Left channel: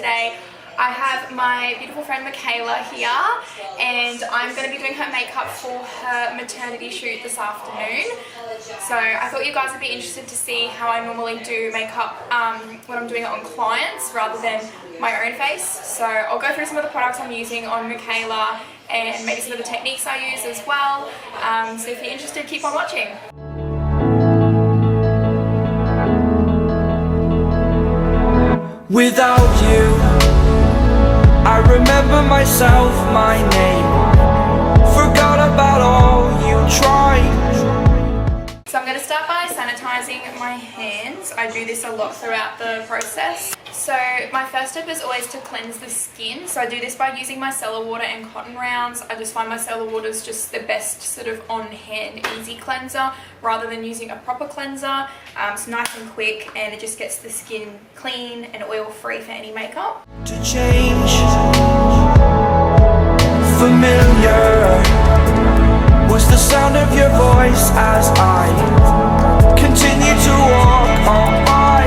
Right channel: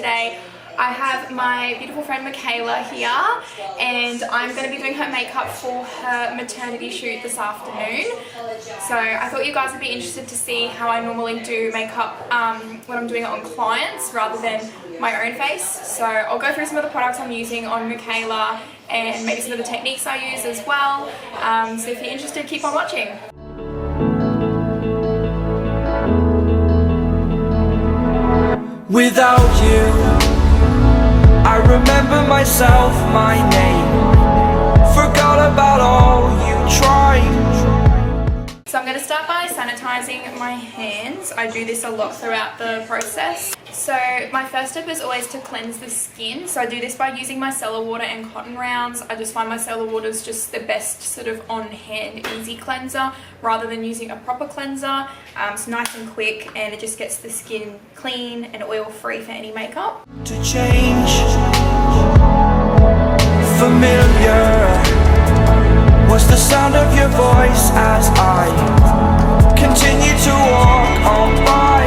today. I have my beautiful friend Mikaela here, and I'm going to be doing her makeup for her maternity shoot this afternoon. So I thought you guys would be interested to see how I normally do makeup when I'm doing it on clients rather than my own face. So I'll go through some of the products I'm using on Mikaela and maybe some of the techniques I use as well. So if you're interested, keep on watching. Without you, I remember myself, my name, forgot about all you tried. So I'm going to start by sanitizing my hands. I do this a lot throughout the process. So my first step is always to cleanse the skin. So I do this by using micellar water and cotton rounds. I just find micellar water is just the best sort of on-hand easy cleanser rather than using a proper cleanser. It's nice and quick and it just gets the skin clean and oil-free for any makeup. To change, familiar was the sound of your voice as I continue to walk on by.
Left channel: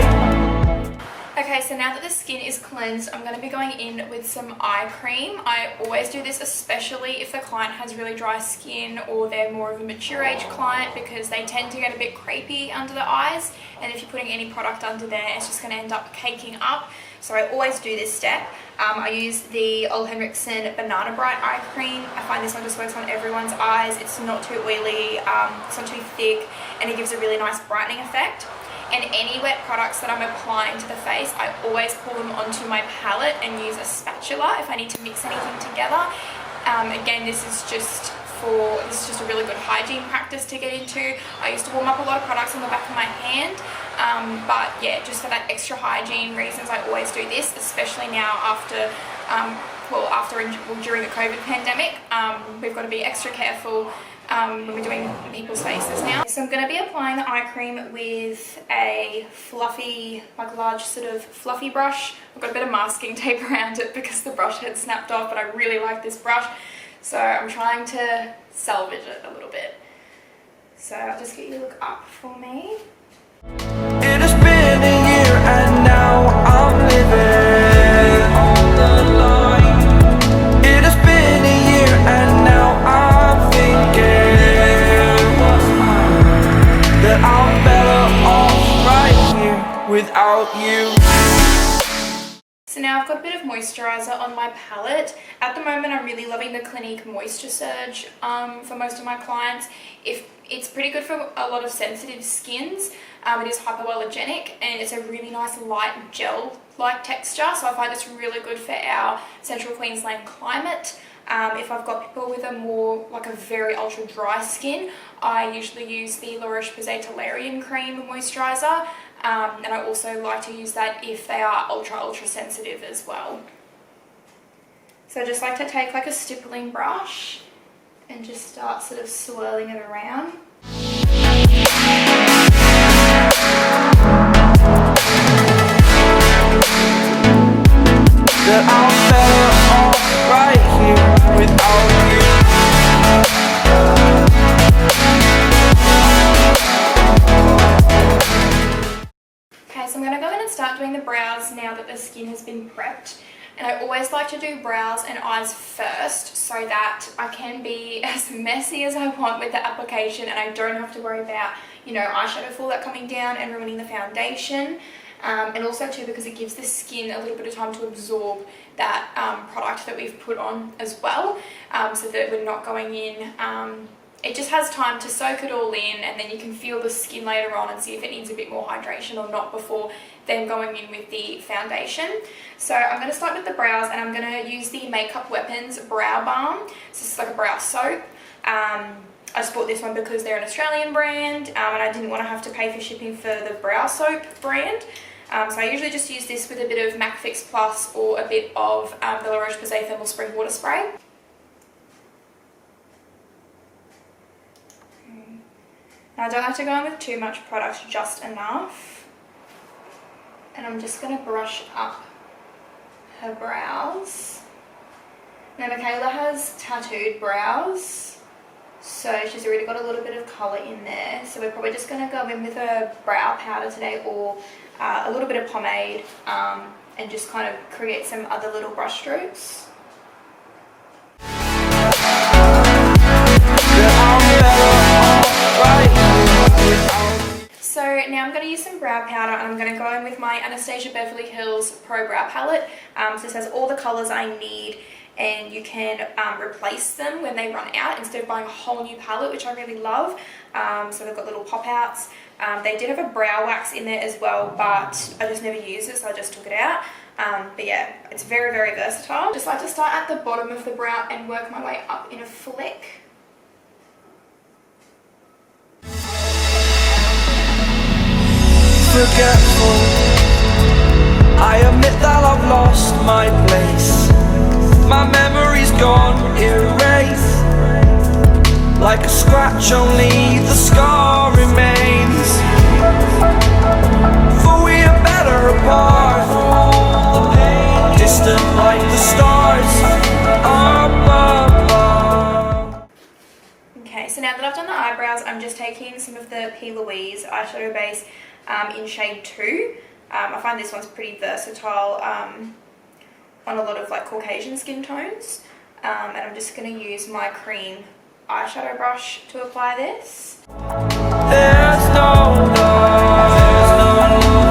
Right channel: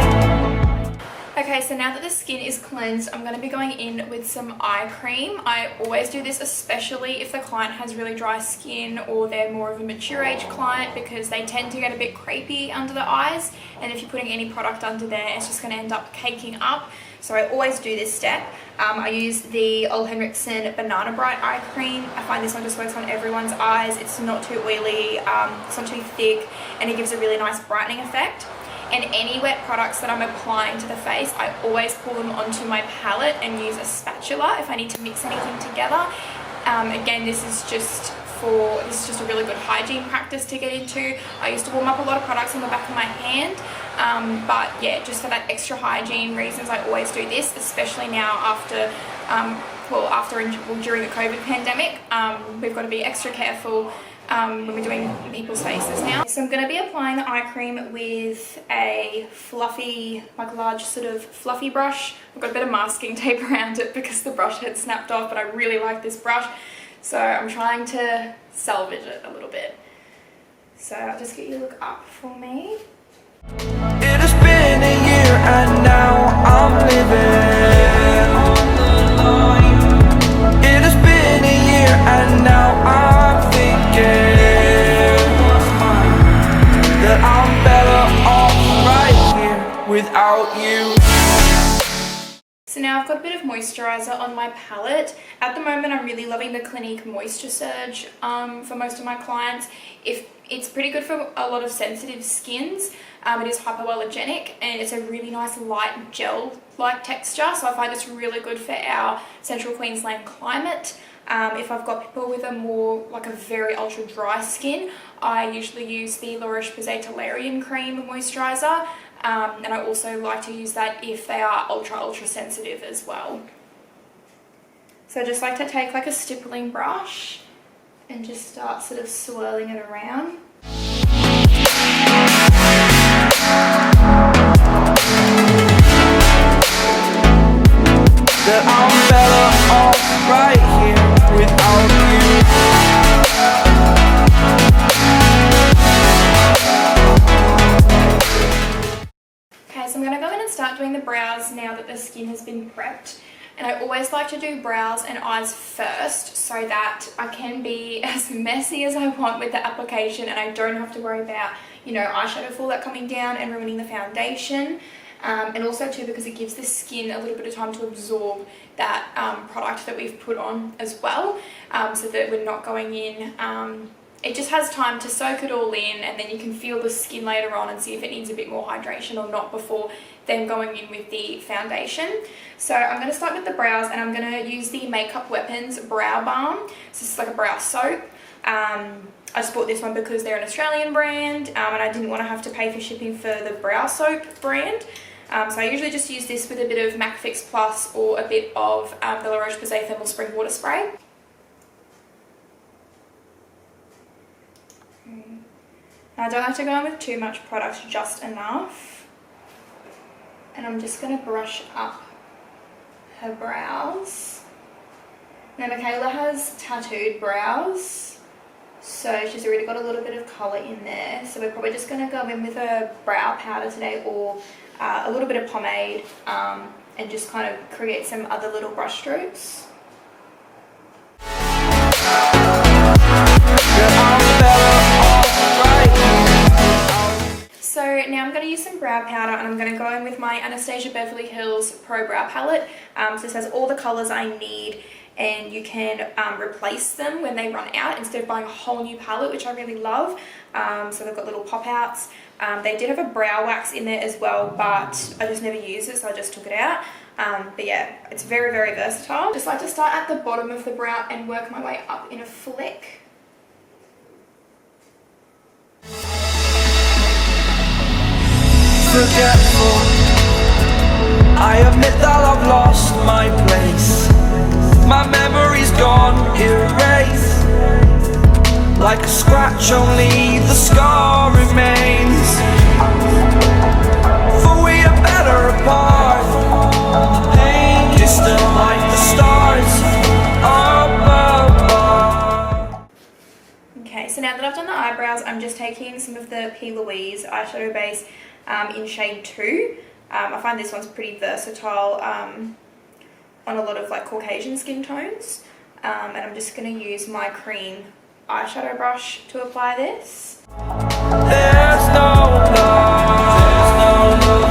Okay, so now that the skin is cleansed, I'm going to be going in with some eye cream. I always do this, especially if the client has really dry skin or they're more of a mature age client, because they tend to get a bit crepey under the eyes, and if you're putting any product under there, it's just going to end up caking up. So I always do this step. I use the Ole Henriksen Banana Bright eye cream. I find this one just works on everyone's eyes. It's not too oily, it's not too thick, and it gives a really nice brightening effect. And any wet products that I'm applying to the face, I always pull them onto my palette and use a spatula if I need to mix anything together. Again, this is just a really good hygiene practice to get into. I used to warm up a lot of products on the back of my hand, but yeah, just for that extra hygiene reasons, I always do this, especially now after during the COVID pandemic. We've got to be extra careful when we're doing people's faces now. So I'm going to be applying the eye cream with a fluffy, like large sort of fluffy brush. I've got a bit of masking tape around it because the brush had snapped off, but I really like this brush. So I'm trying to salvage it a little bit. So I'll just get you to look up for me. It has been a year and now I'm living on the line. It has been a year and now I'm thinking what's mine, that I'm better off right here without you. So now I've got a bit of moisturizer on my palette. At the moment, I'm really loving the Clinique Moisture Surge for most of my clients. It's pretty good for a lot of sensitive skins. It is hypoallergenic and it's a really nice light gel-like texture. So I find it's really good for our Central Queensland climate. If I've got people with a very ultra dry skin, I usually use the La Roche-Posay Toleriane Cream Moisturizer. And I also like to use that if they are ultra sensitive as well. So I just like to take like a stippling brush and just start sort of swirling it around. That I'm better off right here without you. Okay, so I'm going to go in and start doing the brows now that the skin has been prepped. And I always like to do brows and eyes first so that I can be as messy as I want with the application and I don't have to worry about, eyeshadow fallout coming down and ruining the foundation. And also too, because it gives the skin a little bit of time to absorb that product that we've put on as well, so that we're not going in. It just has time to soak it all in, and then you can feel the skin later on and see if it needs a bit more hydration or not before then going in with the foundation. So I'm going to start with the brows, and I'm going to use the Makeup Weapons Brow Balm. So this is like a brow soap. I just bought this one because they're an Australian brand, and I didn't want to have to pay for shipping for the brow soap brand. So I usually just use this with a bit of MAC Fix Plus or a bit of the La Roche-Posay Thermal Spring Water Spray. Now I don't like to go in with too much product, just enough. And I'm just going to brush up her brows. Now Mikaela has tattooed brows, so she's already got a little bit of colour in there. So we're probably just going to go in with a brow powder today, or a little bit of pomade, and just kind of create some other little brush strokes. So now I'm going to use some brow powder, and I'm going to go in with my Anastasia Beverly Hills Pro Brow Palette. So this has all the colours I need, and you can replace them when they run out instead of buying a whole new palette, which I really love. So they've got little pop outs. They did have a brow wax in there as well, but I just never used it, so I just took it out. But yeah, it's very, very versatile. Just like to start at the bottom of the brow and work my way up in a flick. I admit that I've lost my place. My memory's gone erased. Like a scratch, only the scar remains. For we are better apart from all the pain. Distant like the stars above. Okay, so now that I've done the eyebrows, I'm just taking some of the P. Louise eyeshadow base in shade 2. I find this one's pretty versatile on a lot of like Caucasian skin tones. And I'm just going to use my cream eyeshadow brush to apply this. There's no love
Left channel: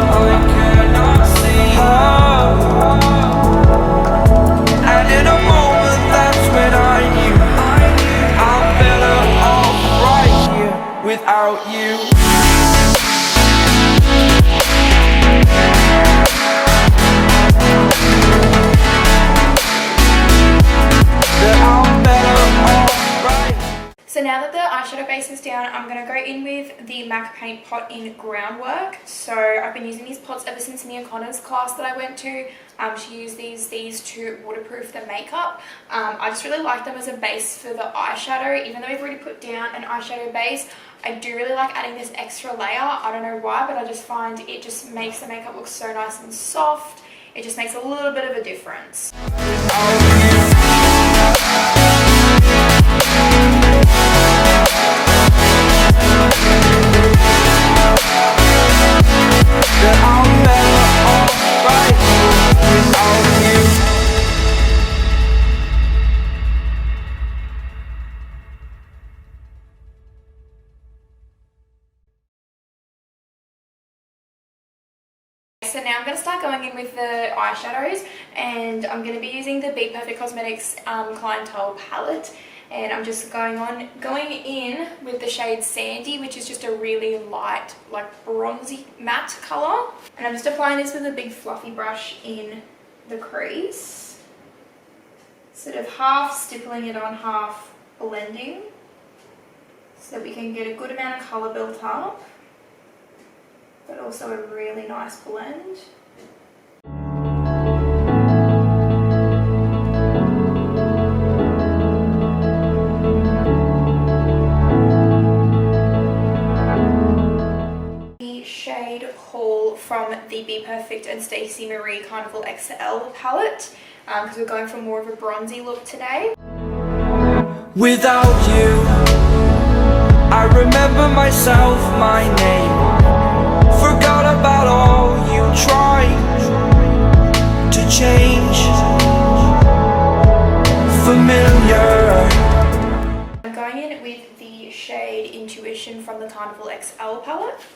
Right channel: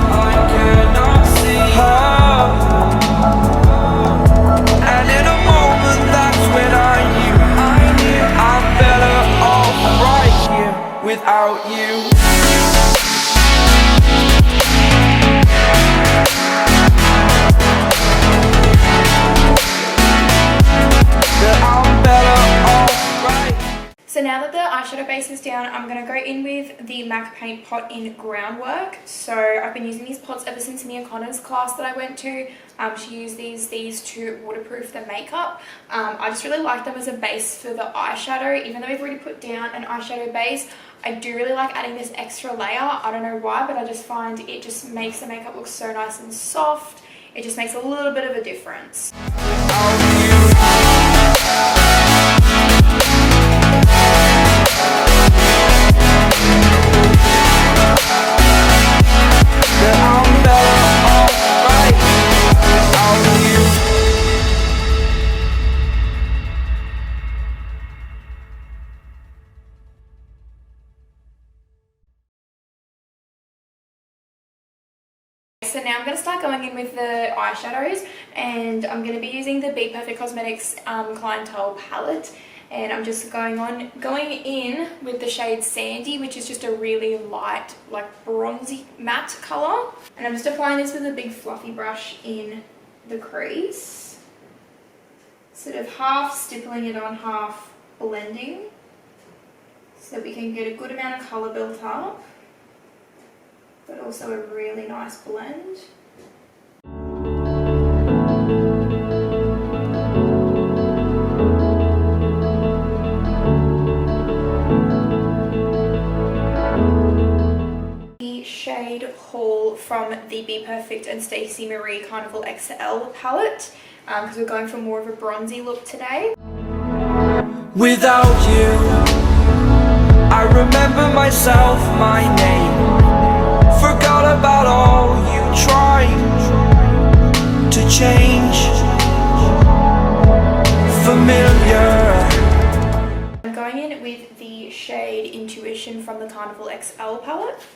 I cannot see. And in a moment that's when I knew I'm better off right here without you. So now that the eyeshadow base is down, I'm going to go in with the MAC Paint Pot in Groundwork. So I've been using these pots ever since Mia Connor's class that I went to. She used these to waterproof the makeup. I just really like them as a base for the eyeshadow. Even though we've already put down an eyeshadow base, I do really like adding this extra layer. I don't know why, but I just find it just makes the makeup look so nice and soft. It just makes a little bit of a difference. So now I'm going to start going in with the eyeshadows, and I'm going to be using the Be Perfect Cosmetics Clientele palette, and I'm just going in with the shade Sandy, which is just a really light, like bronzy matte colour, and I'm just applying this with a big fluffy brush in the crease, sort of half stippling it on, half blending, so that we can get a good amount of colour built up, but also a really nice blend. The shade Haul from the Be Perfect and Stacey Marie Carnival XL palette, because we're going for more of a bronzy look today. Without you, I remember myself, my name. Forgot about all you tried to change. Familiar. I'm going in with the shade Intuition from the Carnival XL palette.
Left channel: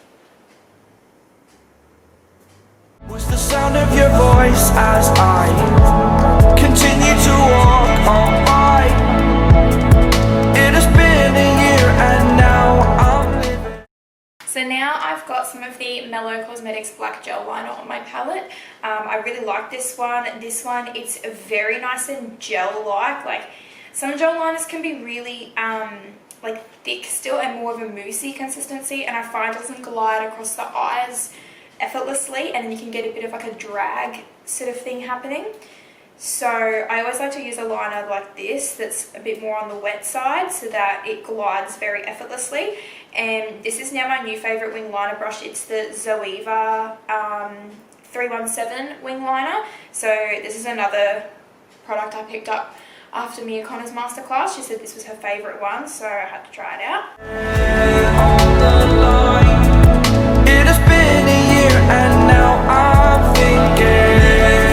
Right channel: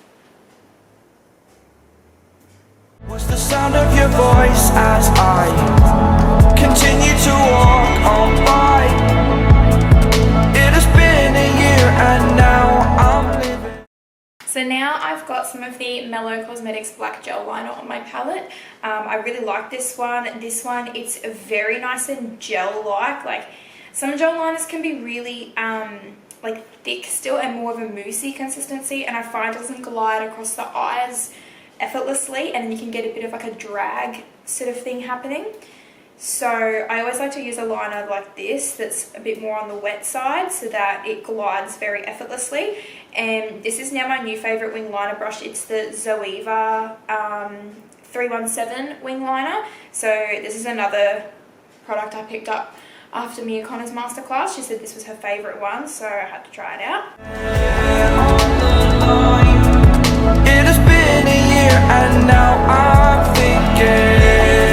Was the sound of your voice as I continue to walk on by. It has been a year and now I'm living. So now I've got some of the Mellow Cosmetics Black Gel Liner on my palette. I really like this one. This one, it's very nice and gel-like. Like, some gel liners can be really like thick still and more of a moussey consistency, and I find it doesn't glide across the eyes effortlessly, and then you can get a bit of like a drag sort of thing happening. So I always like to use a liner like this that's a bit more on the wet side so that it glides very effortlessly. And this is now my new favourite wing liner brush. It's the Zoeva 317 wing liner. So this is another product I picked up after Mia Connor's masterclass. She said this was her favourite one, so I had to try it out. On the line, it has been a year and now I'm thinking.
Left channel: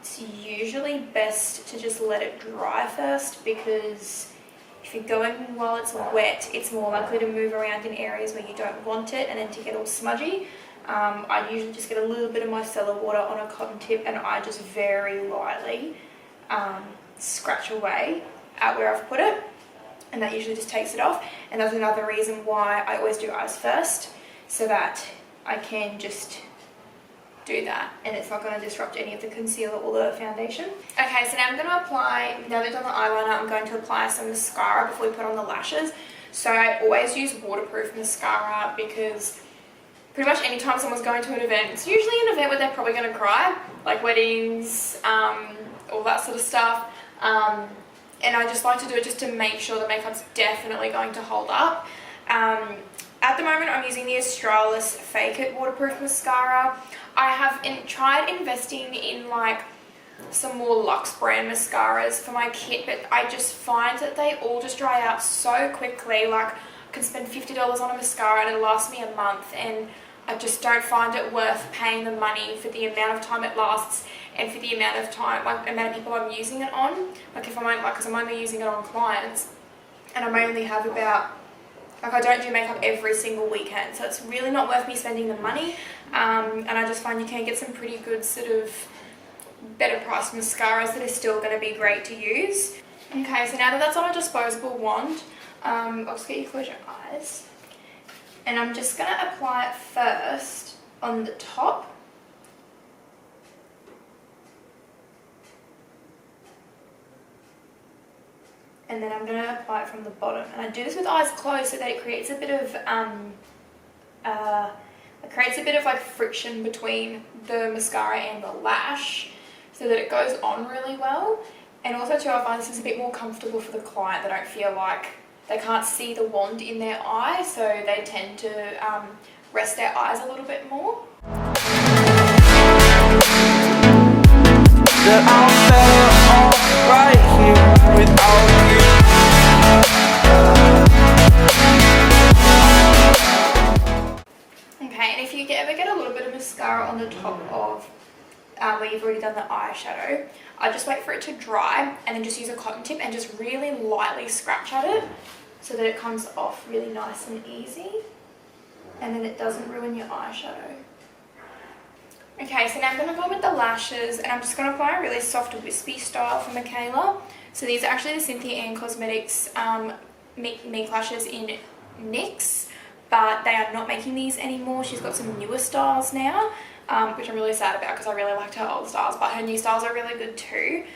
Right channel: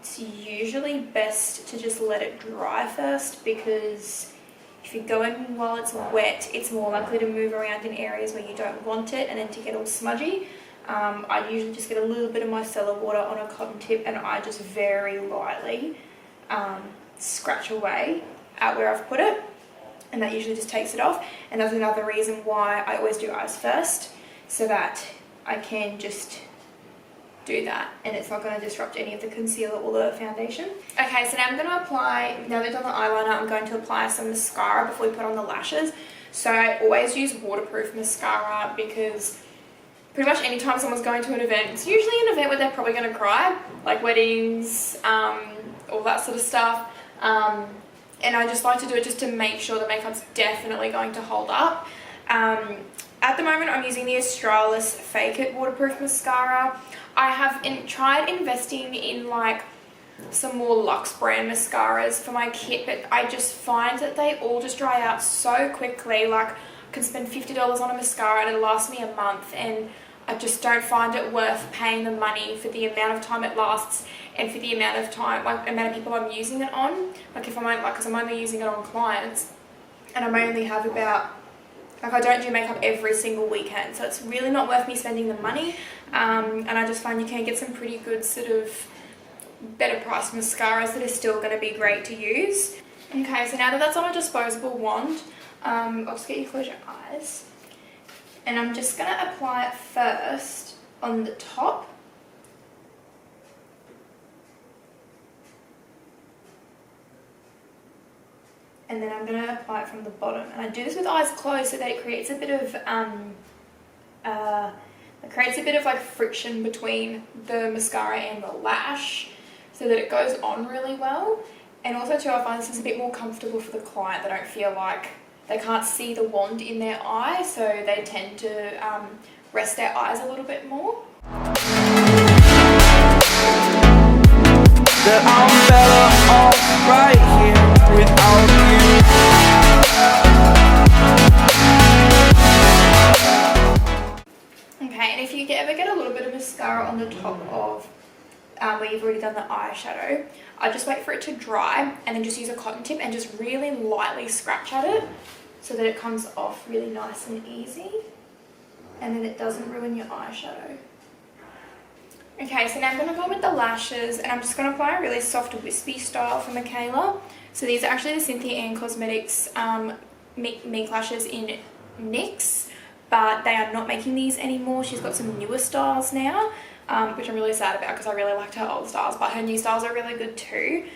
it's usually best to just let it dry first, because if you go in while it's wet, it's more likely to move around in areas where you don't want it and then to get all smudgy. I usually just get a little bit of micellar water on a cotton tip and I just very lightly scratch away at where I've put it, and that usually just takes it off. And that's another reason why I always do eyes first, so that I can just do that and it's not going to disrupt any of the concealer or the foundation. Okay, so now I'm going to apply, now that I've done the eyeliner, I'm going to apply some mascara before we put on the lashes. So I always use waterproof mascara, because pretty much anytime someone's going to an event, it's usually an event where they're probably going to cry, like weddings, all that sort of stuff. And I just like to do it just to make sure the makeup's definitely going to hold up. At the moment, I'm using the Australis Fake It waterproof mascara. I have tried investing in like some more Luxe brand mascaras for my kit, but I just find that they all just dry out so quickly. Like, I can spend $50 on a mascara and it'll last me a month, and I just don't find it worth paying the money for the amount of time it lasts and for the amount of time, like amount of people I'm using it on. Like, if I'm only, because I'm only using it on clients, and I only have about, like, I don't do makeup every single weekend, so it's really not worth me spending the money. And I just find you can get some pretty good sort of better priced mascaras that are still going to be great to use. Okay, so now that that's on a disposable wand, I'll just get you to close your eyes. And I'm just going to apply it first on the top. And then I'm going to apply it from the bottom. And I do this with eyes closed so that it creates a bit of like friction between the mascara and the lash, so that it goes on really well. And also too, I find this is a bit more comfortable for the client. They don't feel like they can't see the wand in their eye, so they tend to rest their eyes a little bit more. That I'm better off right here without you. Okay, and if you ever get a little bit of mascara on the top of where you've already done the eyeshadow, I just wait for it to dry and then just use a cotton tip and just really lightly scratch at it so that it comes off really nice and easy, and then it doesn't ruin your eyeshadow. Okay, so now I'm going to go with the lashes, and I'm just going to apply a really soft wispy style for Mikaela. So these are actually the Cynthia Ann Cosmetics Mink lashes in NYX, but they are not making these anymore. She's got some newer styles now, which I'm really sad about because I really liked her old styles, but her new styles are really good too.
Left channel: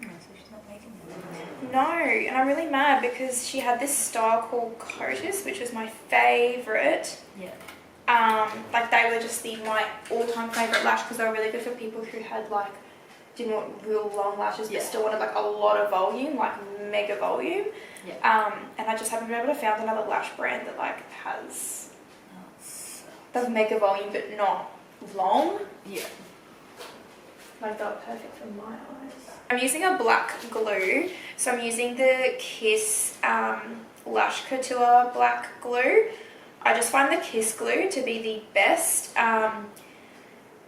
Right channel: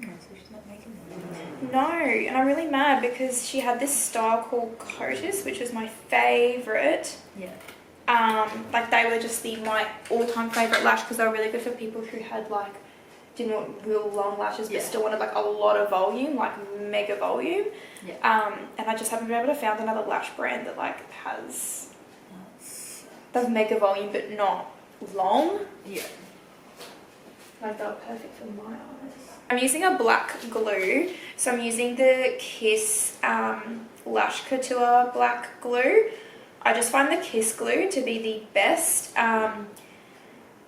So she's not making them. No, and I'm really mad because she had this style called Cotis, which was my favourite. Yeah. Like, they were just my all-time favourite lash because they were really good for people who had like didn't want real long lashes but still wanted like a lot of volume, like mega volume. Yeah. And I just haven't been able to find another lash brand that like has the mega volume but not long. Yeah. Like, they were perfect for my eyes. I'm using a black glue, so I'm using the Kiss Lash Couture black glue. I just find the Kiss glue to be the best.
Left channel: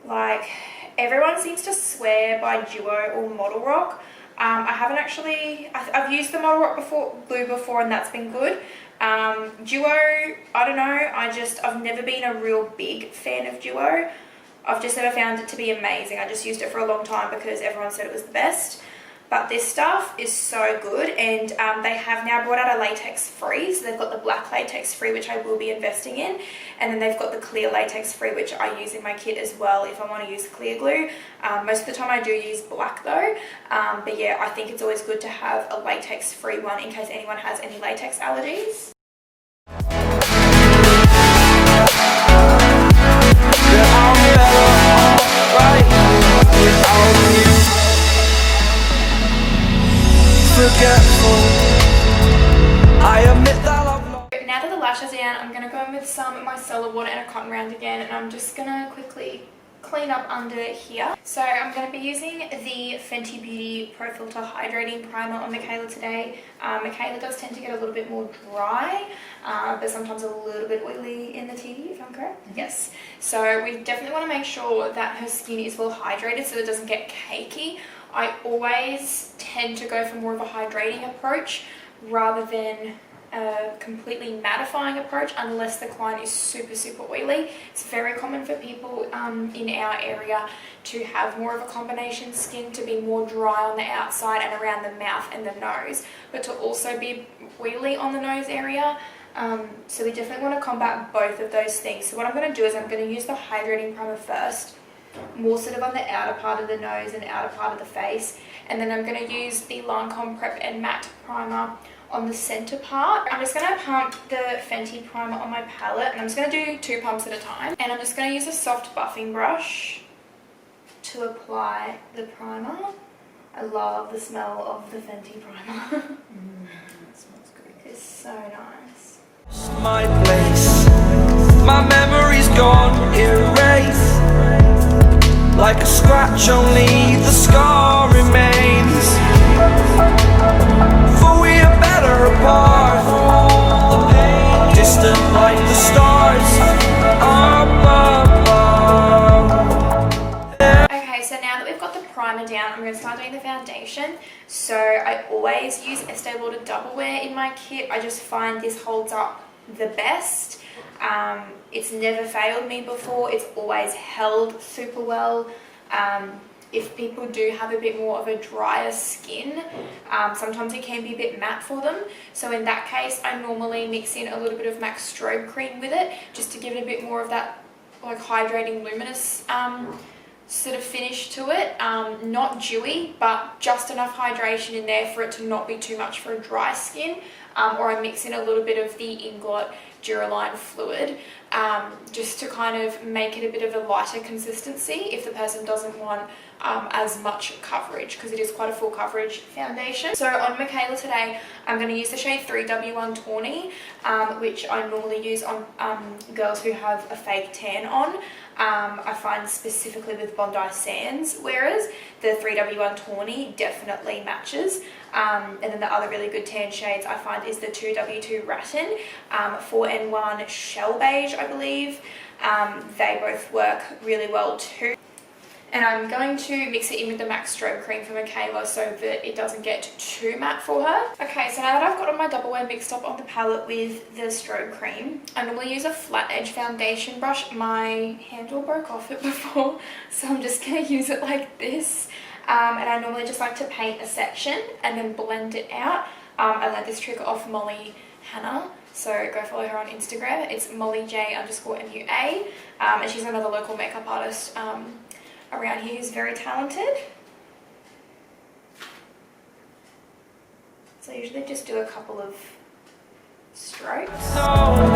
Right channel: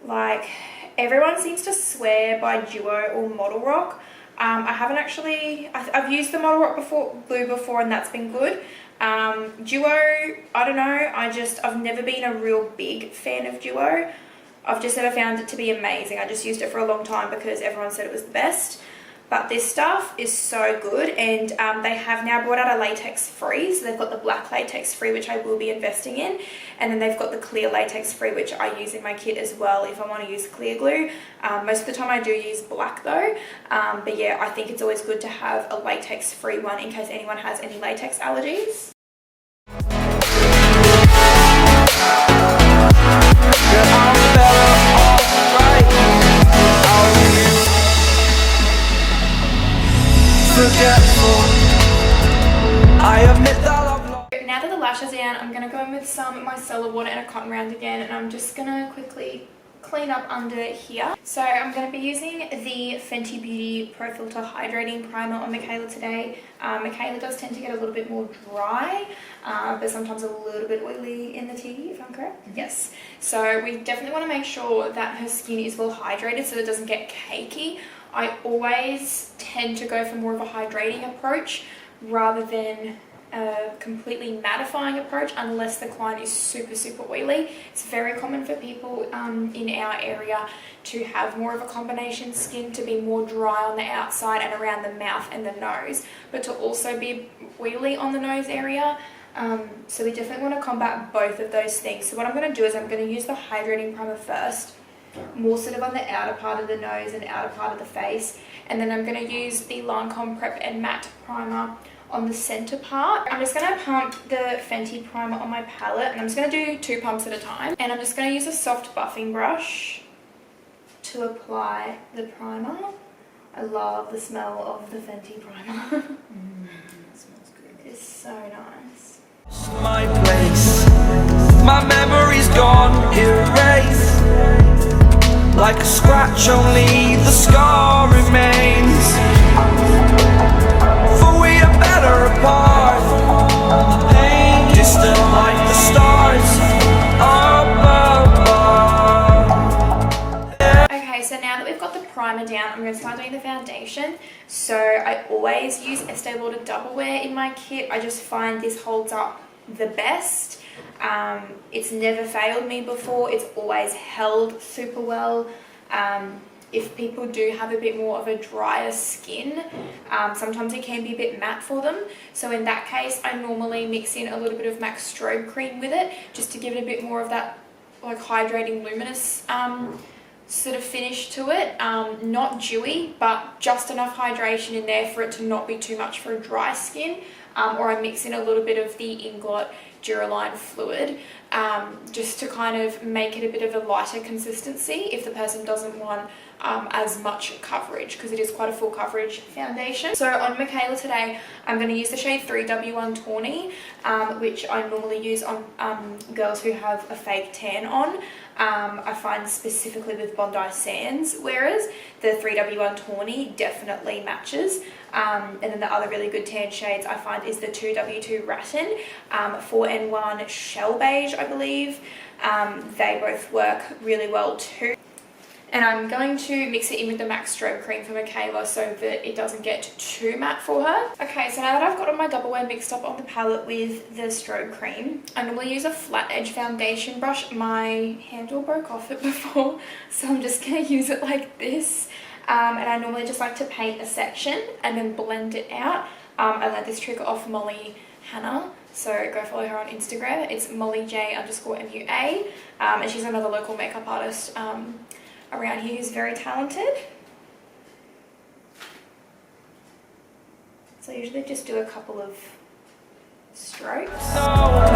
Like, everyone seems to swear by Duo or Model Rock. I haven't actually, I've used the Model Rock glue before and that's been good. Duo, I don't know, I've never been a real big fan of Duo. I've just never found it to be amazing. I just used it for a long time because everyone said it was the best. But this stuff is so good, and they have now brought out a latex free. So they've got the black latex free, which I will be investing in. And then they've got the clear latex free, which I use in my kit as well if I want to use clear glue. Most of the time I do use black though. But yeah, I think it's always good to have a latex free one in case anyone has any latex allergies. Now that the lashes are down, I'm going to go in with some micellar water and a cotton round again, and I'm just going to quickly clean up under here. So I'm going to be using the Fenty Beauty Pro Filter Hydrating Primer on Mikaela today. Mikaela does tend to get a little bit more dry, but sometimes a little bit oily in the tea, if I'm correct. Yes. So we definitely want to make sure that her skin is well hydrated so it doesn't get cakey. I always tend to go for more of a hydrating approach rather than a completely mattifying approach unless the client is super oily. It's very common for people in our area to have more of a combination skin, to be more dry on the outside and around the mouth and the nose, but to also be oily on the nose area. So we definitely want to combat both of those things. So what I'm going to do is I'm going to use the hydrating primer first, more sort of on the outer part of the nose and outer part of the face, and then I'm going to use the Lancome Prep and Matte Primer on the center part. I'm just going to pump the Fenty primer on my palette, and I'm just going to do 2 pumps at a time. And I'm just going to use a soft buffing brush to apply the primer. I love the smell of the Fenty primer. That smells good. It's so nice. My place, my memory's gone, erased. Like a scratch, only the scar remains. For we are better apart from all the pain. Distant like the stars above. Okay, so now that we've got the primer down, I'm going to start doing the foundation. So I always use Estee Lauder Double Wear in my kit. I just find this holds up the best. It's never failed me before. It's always held super well. If people do have a bit more of a drier skin, sometimes it can be a bit matte for them. So in that case, I normally mix in a little bit of MAC Strobe Cream with it, just to give it a bit more of that like hydrating luminous sort of finish to it. Not dewy, but just enough hydration in there for it to not be too much for a dry skin. Or I mix in a little bit of the Inglot Duraline fluid, just to kind of make it a bit of a lighter consistency if the person doesn't want as much coverage, because it is quite a full coverage foundation. So on Mikaela today, I'm going to use the shade 3W1 Tawny, which I normally use on girls who have a fake tan on. I find specifically with Bondi Sands, whereas the 3W1 Tawny definitely matches. And then the other really good tan shades I find is the 2W2 Rattan, 4N1 Shell Beige, I believe. They both work really well too. And I'm going to mix it in with the MAC Strobe Cream for Mikaela so that it doesn't get too matte for her. Okay, so now that I've got all my Double Wear mixed up on the palette with the Strobe Cream, I normally use a flat edge foundation brush. My handle broke off it before, so I'm just going to use it like this. And I normally just like to paint a section and then blend it out. I learned this trick off Molly Hannah, so go follow her on Instagram. It's MollyJ_MUA, and she's another local makeup artist around here who's very talented. So I usually just do a couple of strokes. There's no love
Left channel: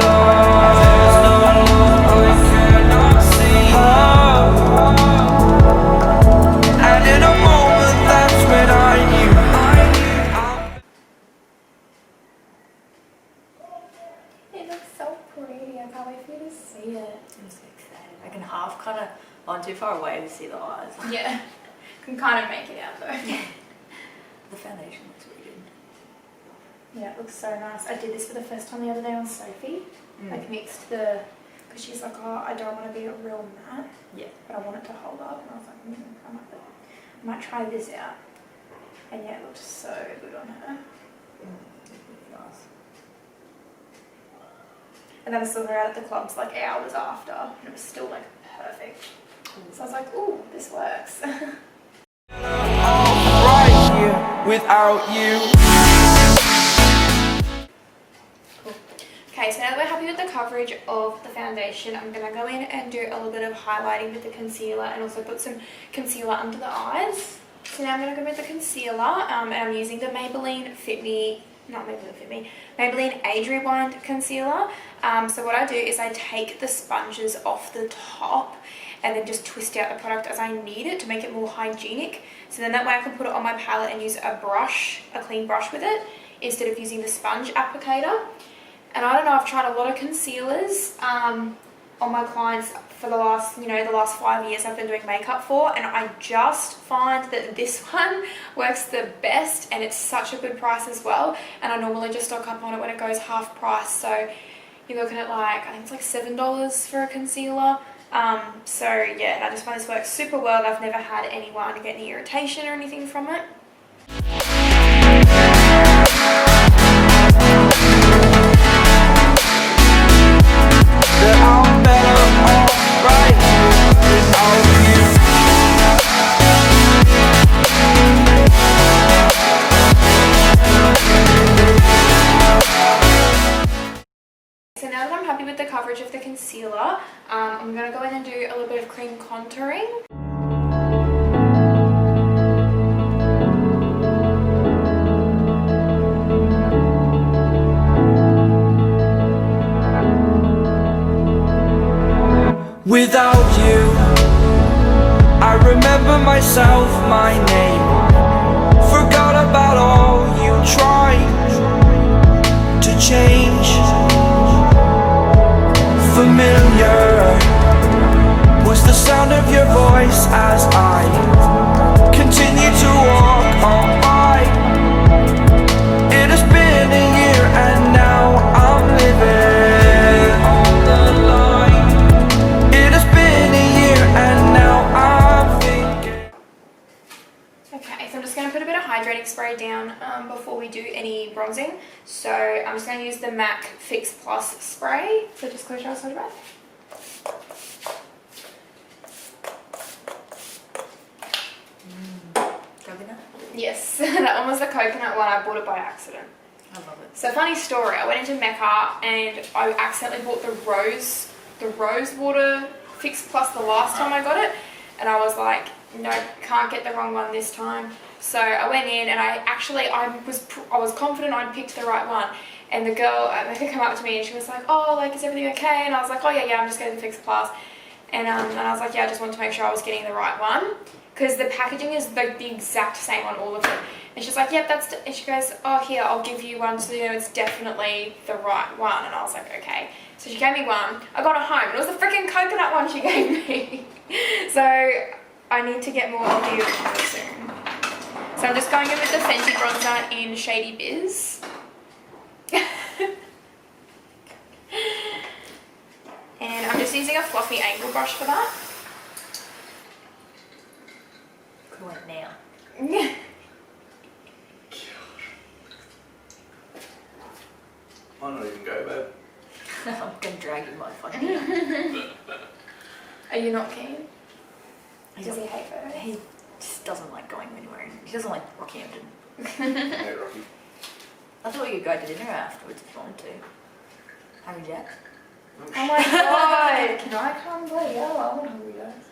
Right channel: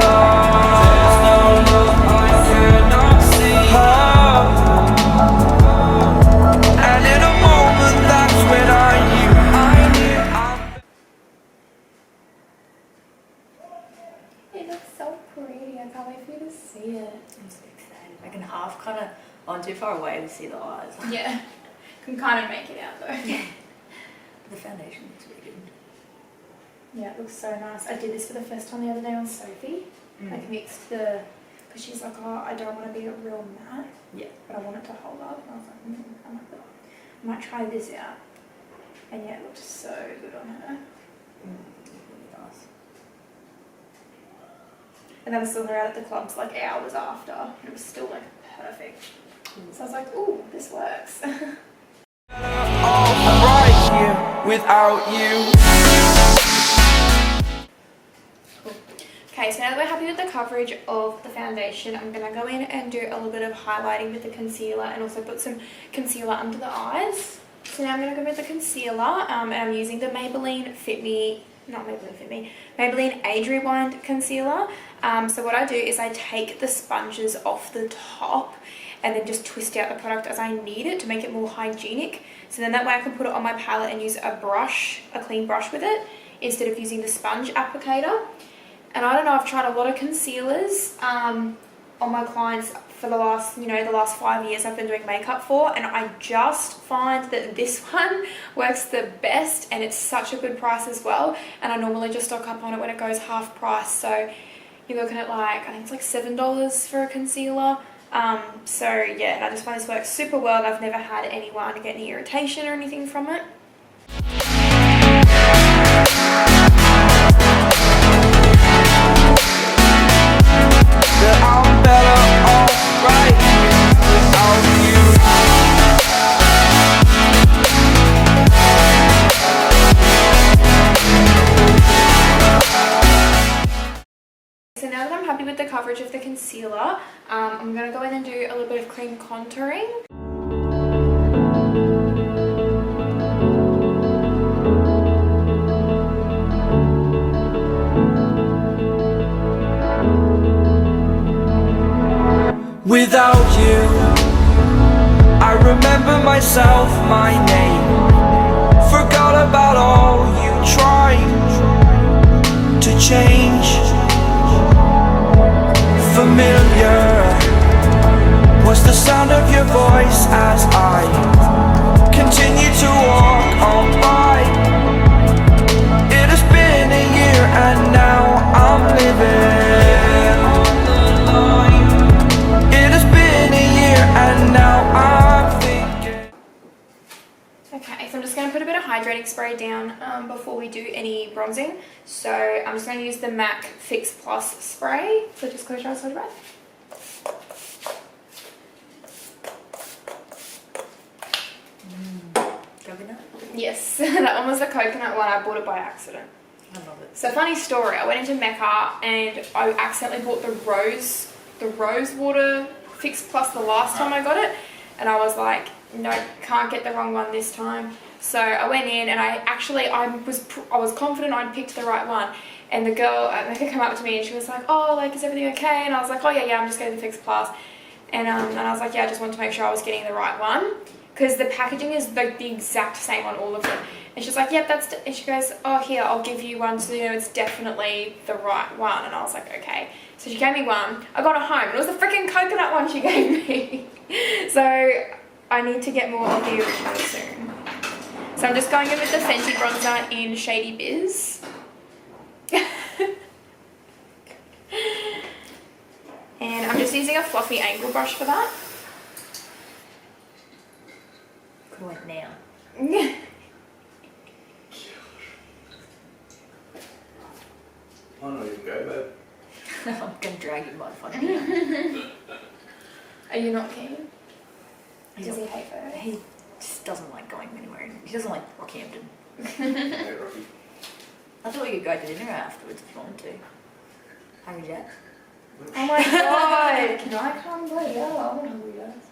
I cannot see. And in a moment, that's when I knew. It looks so pretty. I can't wait for you to see it. I'm so excited. I can half kind of, I'm too far away to see the eyes. Yeah, can kind of make it out though. Yeah. The foundation looks really good. Yeah, it looks so nice. I did this for the first time the other day on Sophie. Like mixed the, because she's like, oh, I don't want to be a real matte, Yeah. but I want it to hold up. And I was like, I might try this out. And yeah, it looked so good on her. It's really nice. And then I saw her out at the clubs like hours after, and it was still like perfect. So I was like, ooh, this works. Right here without you. Cool. Okay, so now that we're happy with the coverage of the foundation, I'm going to go in and do a little bit of highlighting with the concealer and also put some concealer under the eyes. So now I'm going to go with the concealer, and I'm using the Maybelline Maybelline Age Rewind concealer. So what I do is I take the sponges off the top and then just twist out the product as I need it to make it more hygienic. So then that way I can put it on my palette and use a brush, a clean brush with it, instead of using the sponge applicator. And I don't know, I've tried a lot of concealers, on my clients for the last, the last 5 years I've been doing makeup for, and I just find that this one works the best, and it's such a good price as well, and I normally just stock up on it when it goes half price, so you're looking at like, I think it's like $7 for a concealer. So yeah, and I just find this works super well. I've never had anyone get any irritation or anything from it. So now that I'm happy with the coverage of the concealer, I'm going to go in and do a little bit of cream contouring. Without you, I remember myself, my name. Forgot about all you tried to change. Familiar was the sound of your voice as I continue to walk on by. It has been a year and now I'm living on the line. It has been a year and now I'm thinking. Okay, so I'm just going to put a bit of hydrating spray down before we do any bronzing. So I'm just going to use the MAC Fix Plus spray. So just close your eyes, hold your breath. Coconut? Yes, that one was the coconut one. I bought it by accident. I love it. So funny story, I went into Mecca and I accidentally bought the rose water Fix Plus the last time I got it, and I was like, no, can't get the wrong one this time. So I went in and I was confident I'd picked the right one, and the girl at Mecca came up to me and she was like, oh, like, is everything okay? And I was like, oh yeah, I'm just getting the Fix Plus. And I was like, yeah, I just wanted to make sure I was getting the right one, because the packaging is like the exact same on all of them. And she's like, yep, and she goes, oh, here, I'll give you one so you know it's definitely the right one. And I was like, okay. So she gave me one. I got it home and it was the freaking coconut one she gave me. So I need to get more of the original soon. So I'm just going in with the Fenty bronzer in Shady Biz. And I'm just using a fluffy angle brush for that. Could have went now. Why not even go, babe? I'm gonna drag you motherfucker. Are you not keen? He's Does he not- hate photos? He just doesn't like going anywhere. He doesn't like Rockhampton. Hey, Rocky. I thought we could go to dinner afterwards if you wanted to. Hungry Jack? Oh my god! Can I come? Bloody hell, I want hungry guys.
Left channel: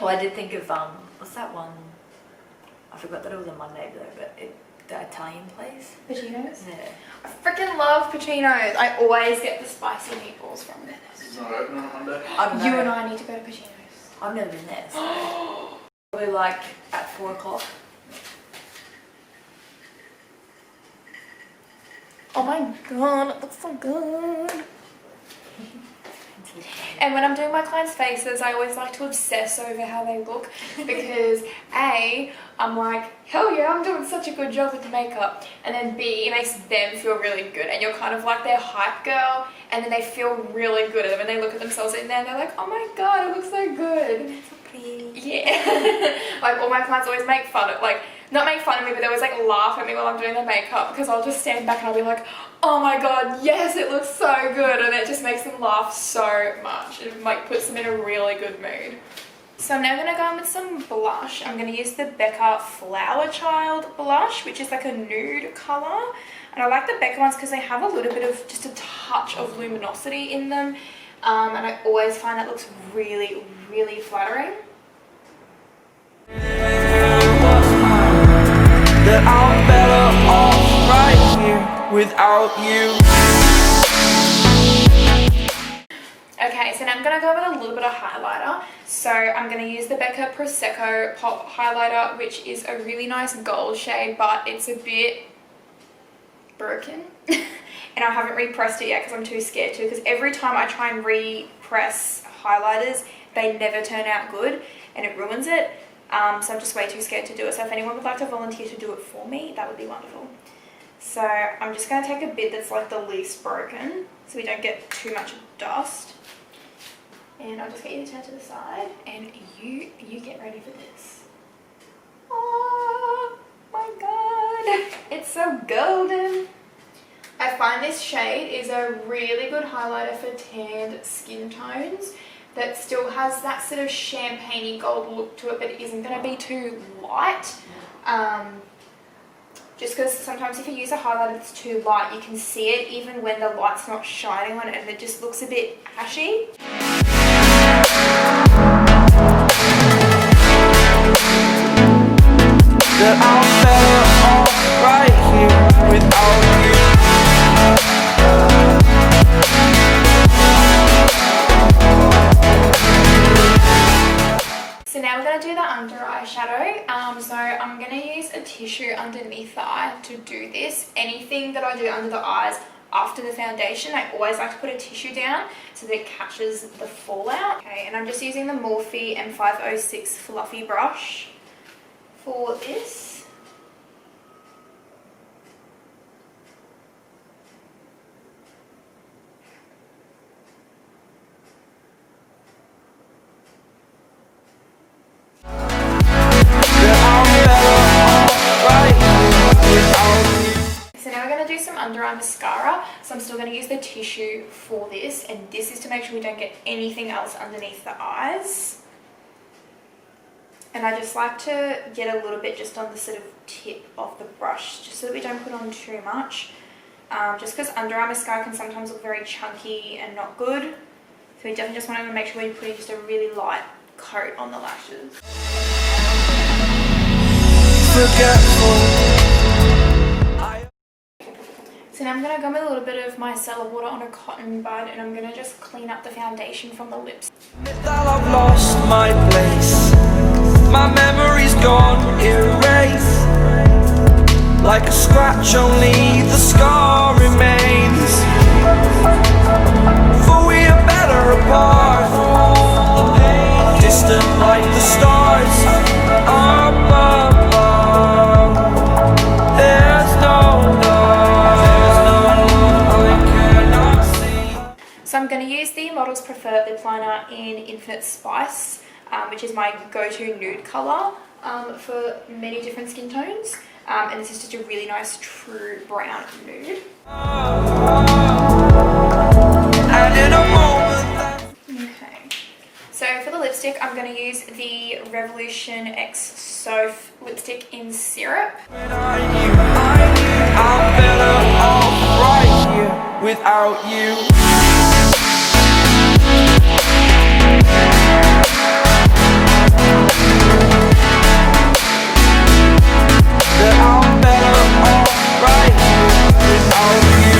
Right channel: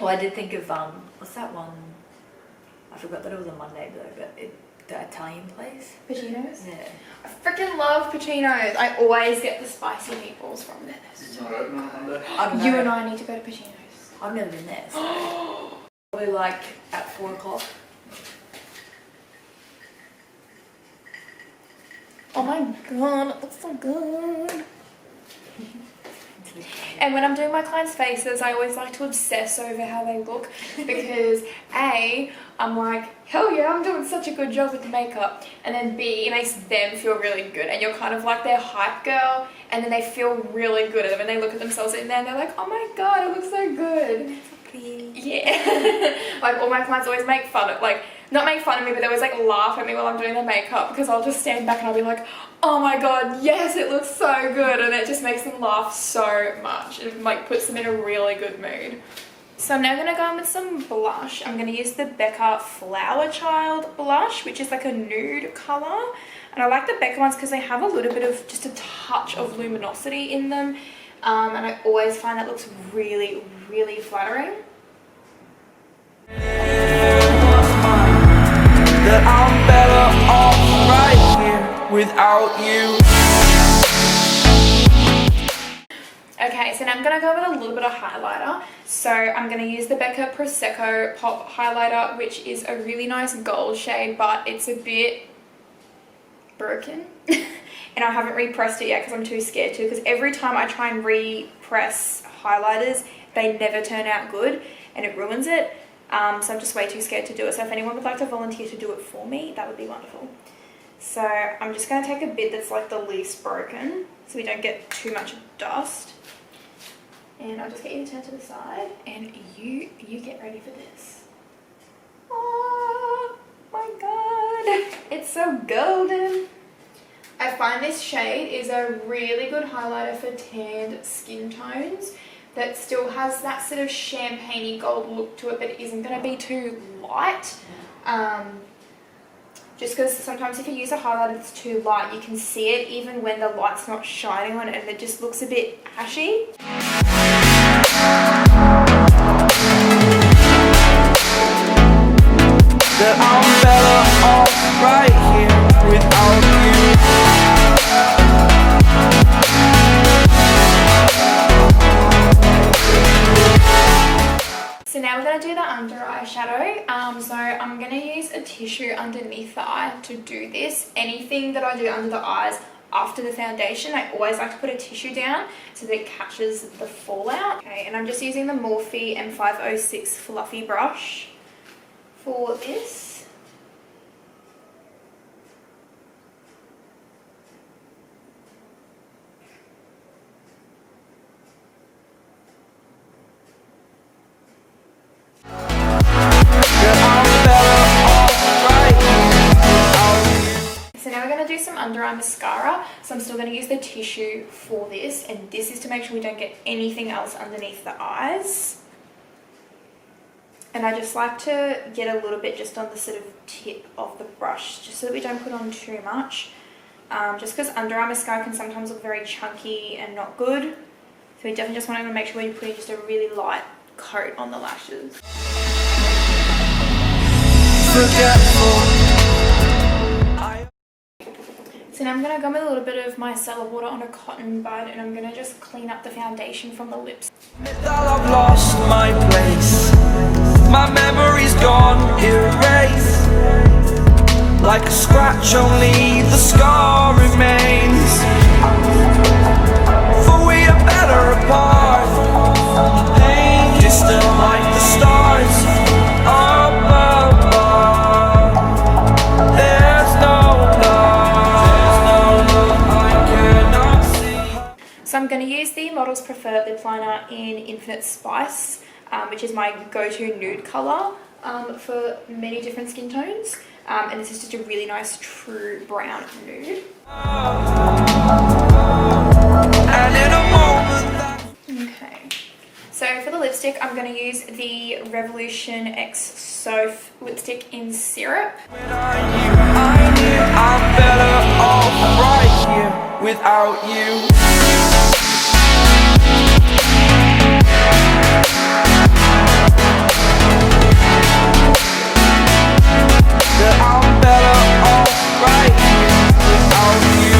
Well, I did think of what's that one? I forgot that it was a Monday though, but the Italian place. Pacino's? Yeah. I freaking love Pacino's. I always get the spicy meatballs from there. It's not open on a Monday. I don't know. You and I need to go to Pacino's. I've never been there, so probably like at 4 o'clock. Oh my god, it looks so good. And when I'm doing my clients' faces, I always like to obsess over how they look, because A, I'm like, hell yeah, I'm doing such a good job with the makeup, and then B, it makes them feel really good, and you're kind of like their hype girl, and then they feel really good, and then when they look at themselves in there and they're like, oh my god, it looks so good. So pretty. Yeah. Like, all my clients always make fun of, like, not make fun of me, but they always like laugh at me while I'm doing their makeup, because I'll just stand back and I'll be like, oh my god, yes, it looks so good, and it just makes them laugh so much. It like puts them in a really good mood. So I'm now going to go in with some blush. I'm going to use the Becca Flower Child blush, which is like a nude colour. And I like the Becca ones because they have a little bit of, just a touch of luminosity in them. And I always find that looks really, really flattering. What's mine? That I'm better off right here without you. Okay, so now I'm going to go with a little bit of highlighter. So I'm going to use the Becca Prosecco Pop Highlighter, which is a really nice gold shade, but it's a bit broken. and I haven't repressed it yet because I'm too scared to, because every time I try and repress highlighters, they never turn out good and it ruins it. So I'm just way too scared to do it. So if anyone would like to volunteer to do it for me, that would be wonderful. So I'm just going to take a bit that's like the least broken so we don't get too much dust. And I'll just get you to turn to the side and you get ready for this. Oh my god, it's so golden. I find this shade is a really good highlighter for tanned skin tones that still has that sort of champagne-y gold look to it, but it isn't going to be too light. Just because sometimes if you use a highlighter that's too light, you can see it even when the light's not shining on it and it just looks a bit ashy. That I'm better right here without you. So now we're going to do the under eye shadow. So I'm going to use a tissue underneath the eye to do this. Anything that I do under the eyes after the foundation, I always like to put a tissue down so that it catches the fallout. Okay, and I'm just using the Morphe M506 fluffy brush for this. So now we're going to do some under eye mascara. So I'm still going to use the tissue for this, and this is to make sure we don't get anything else underneath the eyes. And I just like to get a little bit just on the sort of tip of the brush, just so that we don't put on too much. Just because under eye mascara can sometimes look very chunky and not good. So we definitely just want to make sure we're putting just a really light coat on the lashes. So now I'm going to go with a little bit of micellar water on a cotton bud, and I'm going to just clean up the foundation from the lips. That I've lost my place, my memory's gone erased. Like a scratch, only the scar remains. For we are better apart from all the pain. Distant like the stars above. There's no love I cannot see. So I'm going to use the Model's Preferred lip liner in Infinite Spice, which is my go-to nude colour for many different skin tones. And this is just a really nice true brown nude. Okay, so for the lipstick, I'm going to use the Revolution X Soph lipstick in Syrup. I knew I'm better off right here without you. That I'm better off right here without you.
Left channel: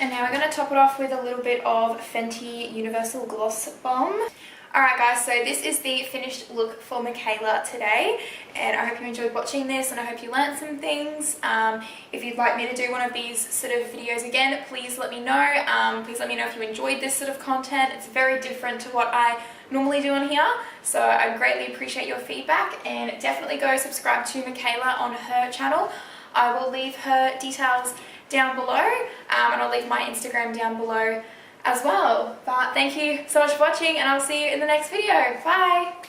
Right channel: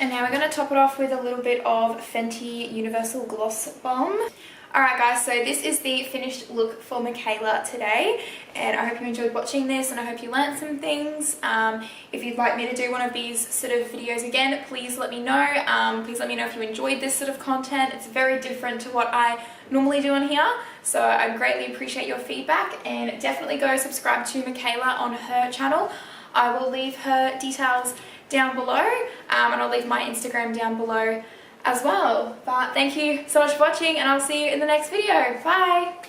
And now we're going to top it off with a little bit of Fenty Universal Gloss Bomb. Alright guys, so this is the finished look for Mikaela today, and I hope you enjoyed watching this and I hope you learned some things. If you'd like me to do one of these sort of videos again, please let me know. Please let me know if you enjoyed this sort of content. It's very different to what I normally do on here, so I greatly appreciate your feedback, and definitely go subscribe to Mikaela on her channel. I will leave her details down below, and I'll leave my Instagram down below as well. But thank you so much for watching, and I'll see you in the next video. Bye!